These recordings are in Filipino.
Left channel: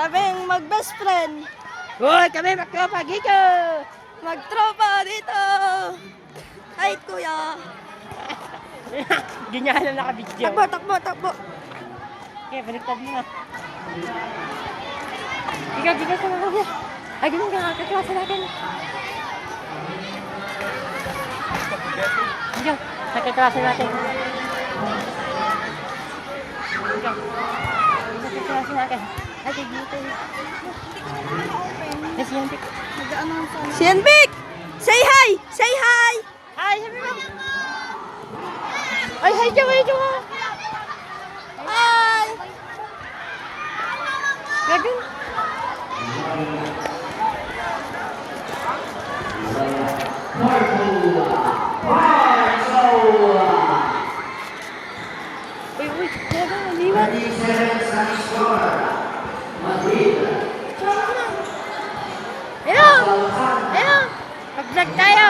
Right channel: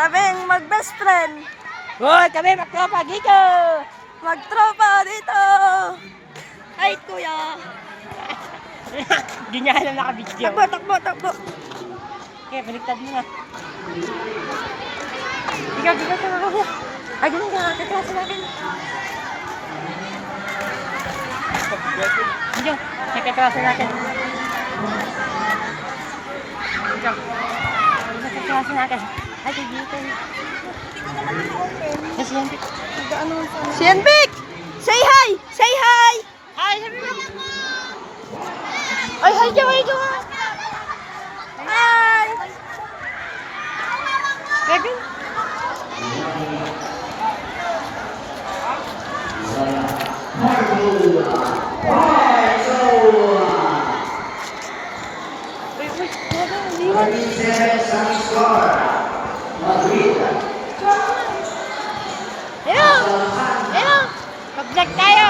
Sabing mag-best friend. Hoy, kami magtropa dito! Magtropa dito. Ay, kuya. Di niya alam nakabidyo. Takbo, takbo, takbo. Okay, baliktad mo na. Ikaw, dito sa mga kasi. Ay, ganun ka, kaklase natin. Dito, sa kaklase natin. Dito. Dito sa kaklase natin. Ay, dito. Ay, si Yantik. Si Yanbik! Say hi! Say hi! Hi, sabi mo. Ay, hi ka, hi ka. Hi! Lagi. Hello! Hello! Pag-vlog tayo!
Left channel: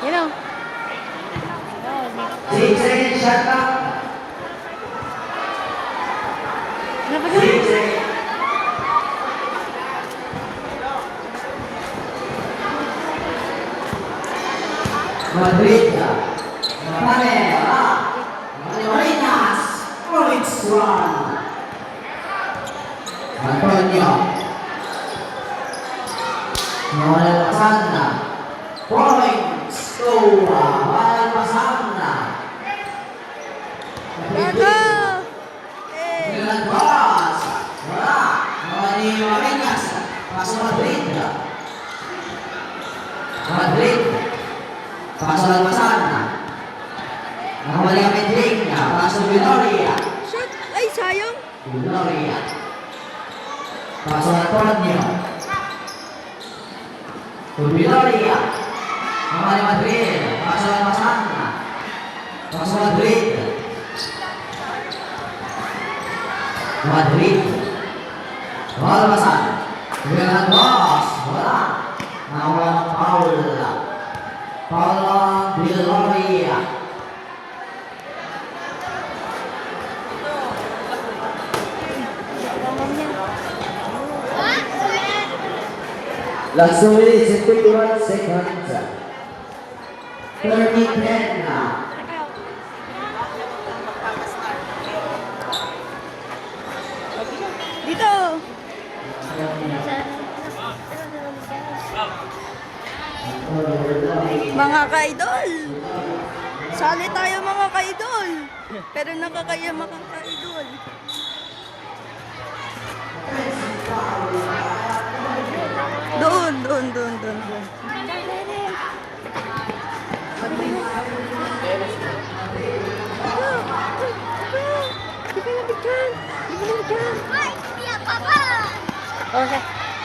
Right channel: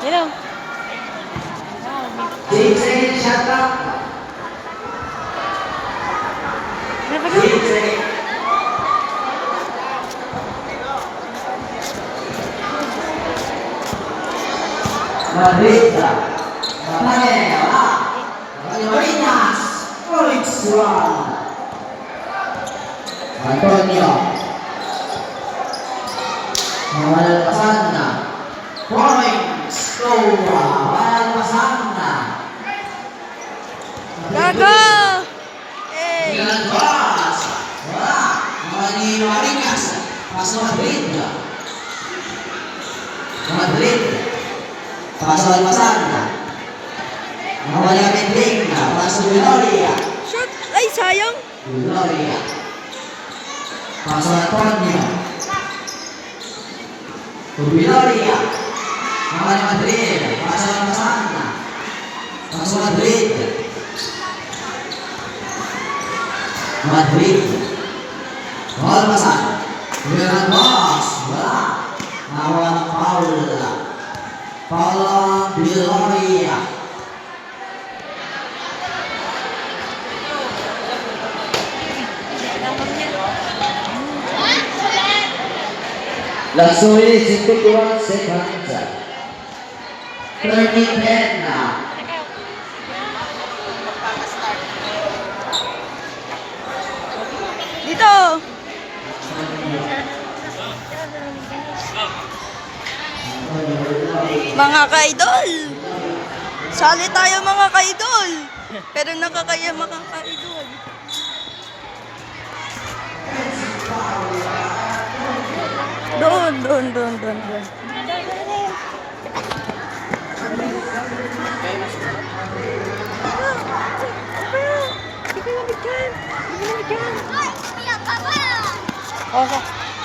Hello! Madrid, Manila, Marinas, Felix Juan, Antonio, Noel Pasana, Florence, Noel Pasana, Gago! Hey! Milan Boss, wala, Marinas, pasok Madrid, Madrid, pasok Pasana, nakabalik kami Drink, pasok Gloria, Shoot! Ay, sayang! Gloria, pasok Antonio, Gloria, nakabalik Madrid, pasok Pasana, pasok Madrid, Madrid, wala Pasana, Milan Boss, wala, nakawala ng Paula, Paula Gloria, Langsung 51 seconds. 30-10 na. Dito! Mga ka-idol! Sali tayo mga ka-idol! Pero nakakaya mga ka-idol. Doon, doon, doon, doon, doon.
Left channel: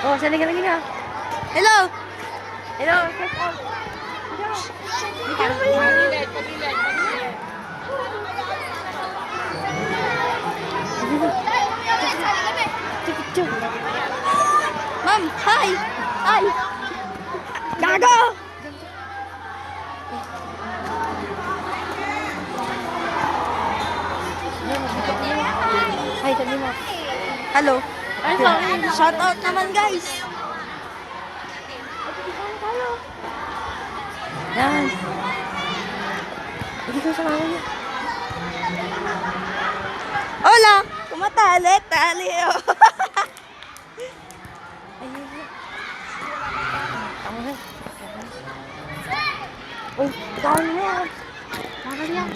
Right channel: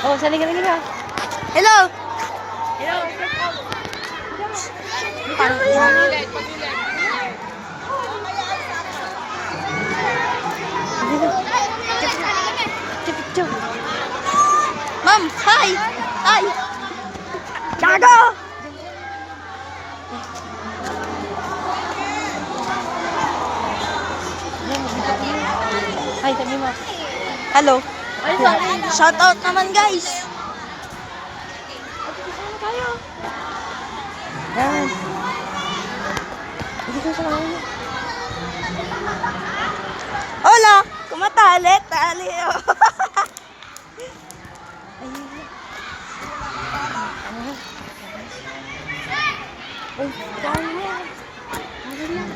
Oh, sali ka lagi ka. Hello! Hello, Paano yan? Ma'am, hi! Hi! Gago! Hi, sabi mo. Hello. Shout out naman guys. Yan. Dito sa mga niya. Hola! Kumatali, tali. Uy, ikaw mo. Bakit lang?